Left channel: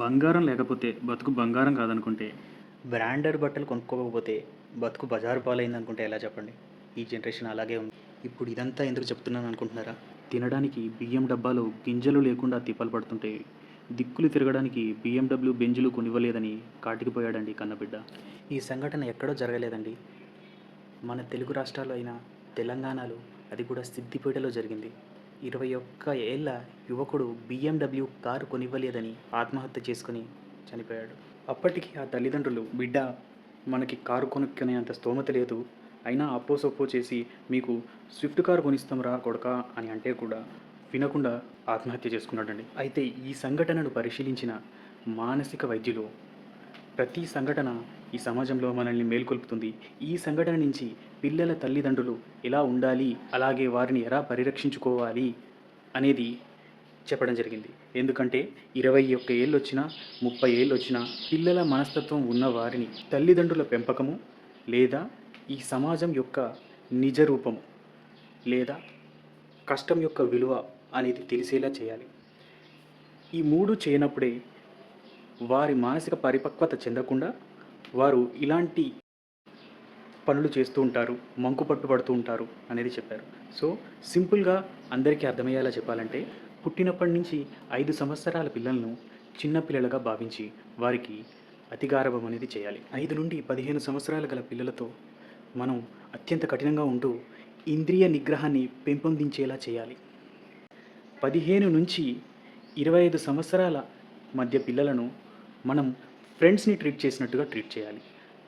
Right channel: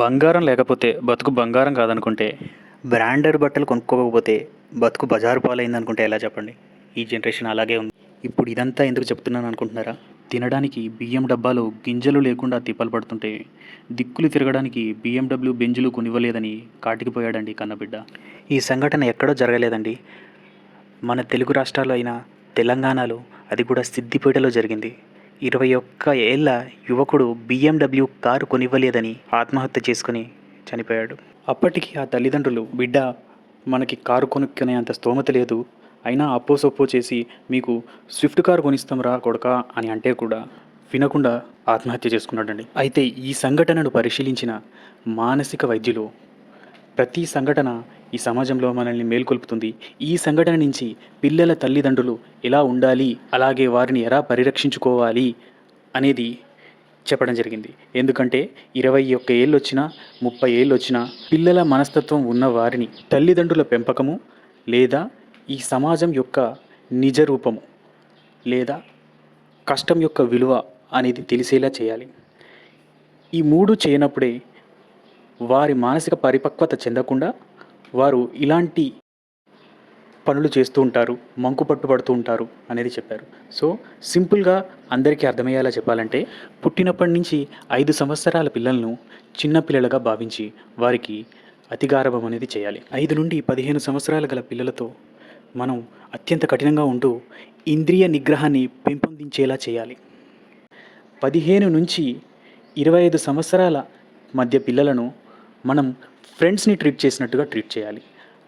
బంగారం లేకపోతే బతుకు బంగారం కాదనుకుంటే, బ్రాండెడ్ బట్టలు కొనుక్కోకపోతే బతుకు బజారు పాలైందనుకుంటే ఎలా చెప్పండి? ఈ జనరేషన్ అలాగే ఉంది. ఇప్పుడు ఇదంతా ఎందుకు చెప్తున్నాను అనుకుంటున్నారా? తినడానికి బియ్యం డబ్బాలు గింజలు లేకుండా తిప్పలు పడుతుంటే, దిక్కులు తిరగడానికి BMW బెంజులు కొనివ్వలేదని కాటికిపోయాడండి కన్నబిడ్డ. ఈ సంఘటన ఎక్కడో జరగలేదండి. మన తెలుగు రాష్ట్రాల్లో అయిన తెలంగాణలో, అది కూడా సిద్దిపేటలో జరిగింది. 21 ఏళ్ల యువకుడు BMW కారు కొనివ్వలేదని ఆత్మహత్య చేసుకుని చనిపోయాడు. అప్పటికి ఆ తల్లిదండ్రులు, బిడ్డ మనకి కారు కొనుక్కునే అంత స్తోమత లేదు, అయినా అప్పో సొప్పో చేసి మీకు స్విఫ్ట్ కారు కొనిస్తాం రా కొడకా అని అంటే కూడా వినకుండా ఆత్మహత్య చేసుకున్నాడండి. అయితే ఈ సంఘటనను పరిశీలించిన మానసిక వైద్యులు, ప్రతి సంఘటన ఈ సమాజంలో మనల్ని మేల్కొల్పుతుంది. ఈ సంఘటన నుంచి పిల్లల తల్లిదండ్రులు ఎలా ఉండాలి, అలాగే వారిని ఎలా పరిరక్షించుకోవాలి అనేది చెప్పడం జరిగింది. ఎందుకంటే 21 ఏళ్ళొచ్చినా, 30 ఏళ్ళొచ్చినా పిల్లల మనస్తత్వం ఉన్న వారిని తల్లిదండ్రుల పెంపకము లేదా ఈ సమాజం యొక్క నిజ రూపము లేదా కష్టం యొక్క విలువ అనేది తెలిసేలా చేయాలి. ఈ 3 చేయనప్పుడే వారి మానసిక పరిపక్వత చెందకుండా వారు ఇలాంటి పనులు చేస్తూ ఉంటారు, మంకు పట్టుబడుతూ ఉంటారు అనేది చెప్పారు. సో సింపుల్గా అందరికీ అర్థమయ్యేలా చెప్పాలంటే, పుట్టినప్పటి నుంచి 5 సంవత్సరాల పిల్లలను చిన్న పిల్లలుగా భావించి వారికి అతి గారాబం అనేది చేయాలి. 5 నుండి 15 సంవత్సరాలు గల పిల్లలతో మనం అత్యంత కఠినంగా ఉంటూ ఇంద్రియ నిగ్రహాన్ని పెంపొందించేలా చేయాలి. 15 నుంచి 25 సంవత్సరాల మధ్య పిల్లలను మనం ఫ్రెండ్స్ని ట్రీట్ చేసినట్టుగా ట్రీట్ చేయాలి.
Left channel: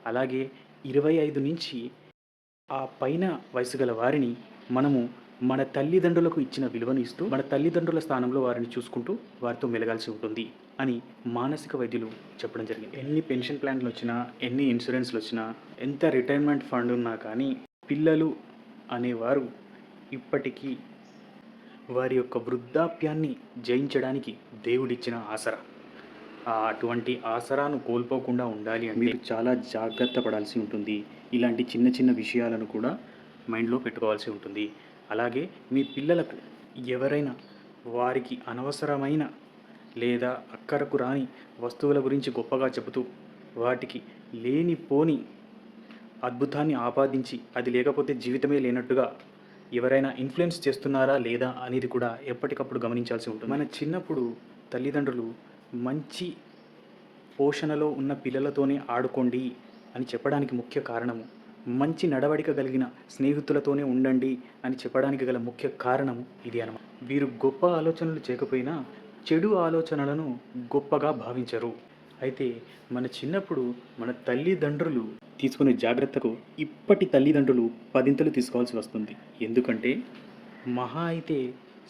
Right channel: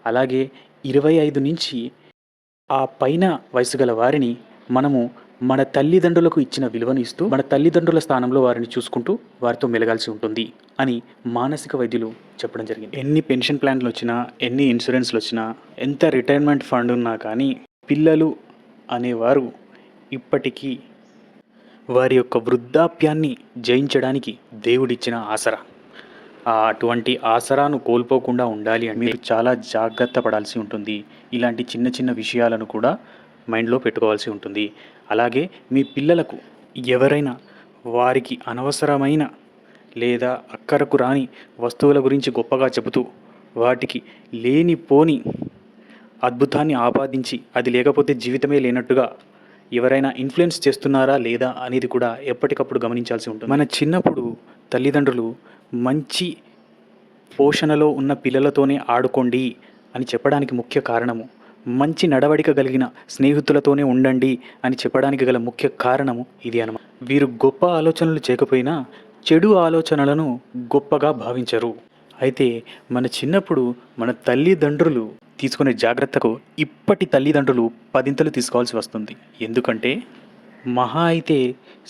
అలాగే 25 నుంచి ఆ పైన వయసు గల వారిని మనము మన తల్లిదండ్రులకు ఇచ్చిన విలువను ఇస్తూ, మన తల్లిదండ్రుల స్థానంలో వారిని చూసుకుంటూ వారితో మెలగాల్సి ఉంటుంది అని మానసిక వైద్యులు చెప్పడం జరిగింది. ఎన్ని పెన్షన్ ప్లాన్లు వచ్చినా, ఎన్ని ఇన్సూరెన్స్లు వచ్చినా, ఎంత రిటైర్మెంట్ ఫండ్ ఉన్నా కానీ పిల్లలు అనేవారు ఇప్పటికీ వారి యొక్క వృద్ధాప్యాన్ని జయించడానికి దేవుడిచ్చిన ఆసరా. అటువంటి ఆసరాను కోల్పోకుండా ఉండాలి అంటే మీరు చాలా జాగ్రత్త పడాల్సి ఉంటుంది. ఇలాంటి చిన్న చిన్న విషయాలను కూడా మైండ్లో పెట్టుకోవాల్సి ఉంటుంది. అలాగే మీ పిల్లలకు ఎవరైనా వారికి అనవసరమైన లేదా అక్కరకు రాని వస్తువుల గురించి గొప్పగా చెబుతూ వాటికి లేనిపోని అద్భుతాన్ని ఆపాదించి అది లేకపోతే జీవితమే లేనట్టుగా ఎవరైనా ఇన్ఫ్లుయెన్స్ చేస్తున్నారా లేదా అనేది కూడా ఎప్పటికప్పుడు గమనించాల్సి ఉంటుంది. మన చిన్నప్పుడు తల్లిదండ్రులు మంచి పోషణలో ఉన్న పిల్లలతోనే ఆడుకోండి అని చెప్పడానికి ముఖ్య కారణము, మంచి నడవడిక కలిగిన స్నేహితులతోనే ఉండండి అని చెప్పడానికి గల ముఖ్య కారణము ఇది అన్నమాట. వీరు గొప్ప ఆలోచనలు చేయకపోయినా చెడు ఆలోచనలను గొప్పగా భావించరు. అయితే మన చిన్నప్పుడు మన తల్లిదండ్రులు తీసుకునే జాగ్రత్తకు ఇప్పటి తల్లిదండ్రులు పదింతలు తీసుకోవాల్సి వస్తుంది. ఎందుకంటే మహా అయితే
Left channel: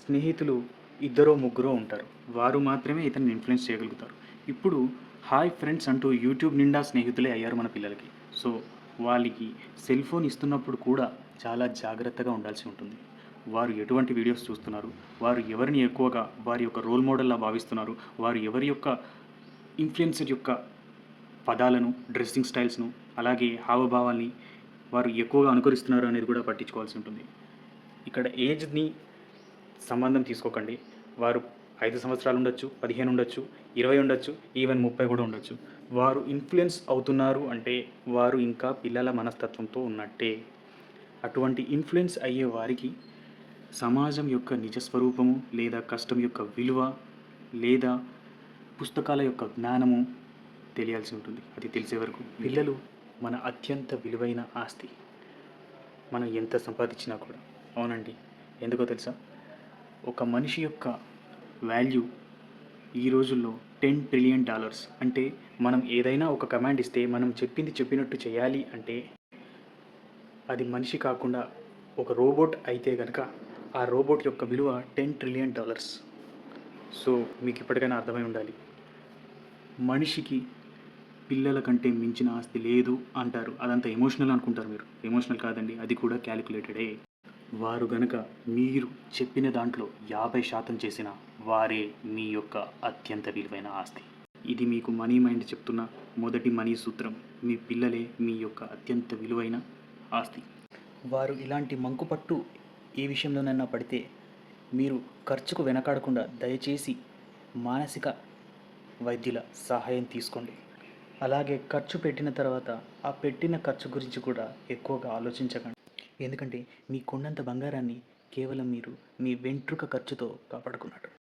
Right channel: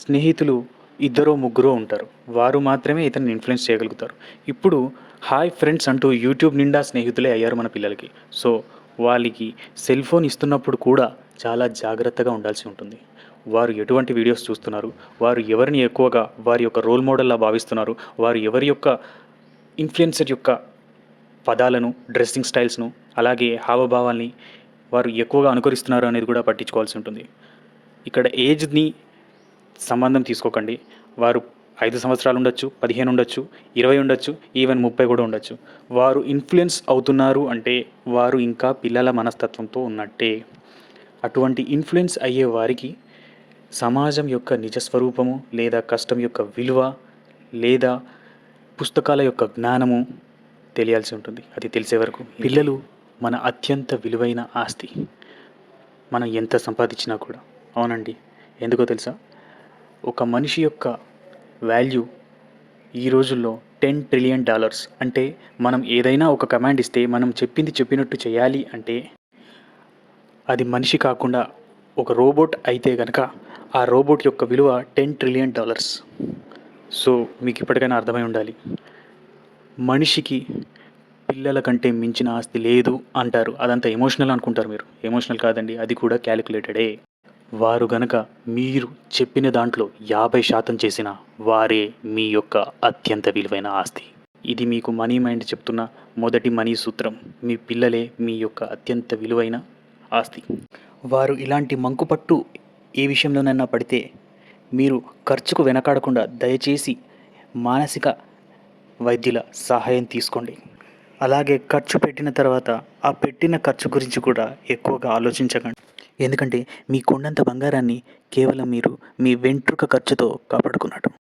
స్నేహితులు ఇద్దరో ముగ్గురో ఉంటారు, వారు మాత్రమే ఇతన్ని ఇన్ఫ్లుయెన్స్ చేయగలుగుతారు. ఇప్పుడు హాయ్ ఫ్రెండ్స్ అంటూ యూట్యూబ్ నిండా స్నేహితులే అయ్యారు మన పిల్లలకి. సో వాళ్ళకి సెల్ ఫోన్ ఇస్తున్నప్పుడు కూడా చాలా జాగ్రత్తగా ఉండాల్సి ఉంటుంది. వారు ఎటువంటి వీడియోస్ చూస్తున్నారు, వారు ఎవరిని ఎక్కువగా వారి యొక్క రోల్ మోడల్లా భావిస్తున్నారు, వారు ఎవరి యొక్క ఇన్ఫ్లుయెన్సర్ యొక్క పదాలను, డ్రెస్సింగ్ స్టైల్స్ను, అలాగే హావభావాల్ని వారు ఎక్కువగా అనుకరిస్తున్నారు అనేది కూడా పట్టించుకోవాల్సి ఉంటుంది. ఇక్కడ ఏజ్ని సంబంధం తీసుకోకండి. వారు 5 సంవత్సరాలు ఉండొచ్చు, 15 ఉండొచ్చు, 20 ఉండొచ్చు, ఈవెన్ 30 కూడా ఉండొచ్చు. వారు ఇన్ఫ్లుయెన్స్ అవుతున్నారు అంటే వారు ఇంకా పిల్లల మనస్తత్వంతో ఉన్నట్టే. అటువంటి ఇన్ఫ్లుయెన్స్ అయ్యే వారికి సమాజం యొక్క నిజస్వరూపము లేదా కష్టం యొక్క విలువ లేదా పుస్తకాల యొక్క జ్ఞానము తెలియాల్సి ఉంటుంది. అది తెలిసే వరకు పిల్లలు మన అత్యంత విలువైన ఆస్తి. మనం ఎంత సంపాదించినా కూడా. అవునండి, ఎందుకో తెలుసా? ఒక మనిషి యొక్క వాల్యూ ఈ రోజుల్లో $10 ట్రిలియన్. అంటే మనం ఏదైనా ఒక కమాండ్ ఇస్తే మనం చెప్పింది చెప్పినట్టు చేయాలి అంటే అది మనిషి కాకుండా ఒక రోబోట్ అయితే కనుక ఆ రోబోట్ యొక్క విలువ $10 ట్రిలియన్. సో మీకు ఇప్పటికైనా అర్థమై ఉండాలి, మనిషికి పిల్లల కంటే మించిన ఆస్తి లేదు అంటారు. అదంతా ఎమోషనల్ అనుకుంటారు మీరు. ఎమోషనల్ కాదండి, అది కూడా క్యాలిక్యులేటెడే. వారు గనక మీరు చెప్పిన దాంట్లో 50% చేసిన వారే మీ యొక్క అత్యంత విలువైన ఆస్తి. ఇది మీకు మనీ మైండ్ చెప్తున్న మొదటి మనీ సూత్రం. మీ పిల్లలే మీ యొక్క అత్యంత విలువైన ఆస్తి. వారు ఇలాంటి మంకుపట్టు ఏ విషయంలోనైనా పడితే మీరు ఖర్చుకు వెనకాడకుండా దయచేసి మానసిక వైద్యుల సహాయం తీసుకోండి. అలాగే ఖర్చు పెట్టిన తర్వాత ఆ పెట్టిన ఖర్చు గురించి కూడా ఎక్కువగా ఆలోచించకండి. ఎందుకంటే మీ కొండంత బంగారాన్ని కేవలం మీరు మీ వెంట్రుక ఖర్చుతో కాపాడుకున్నట్టు.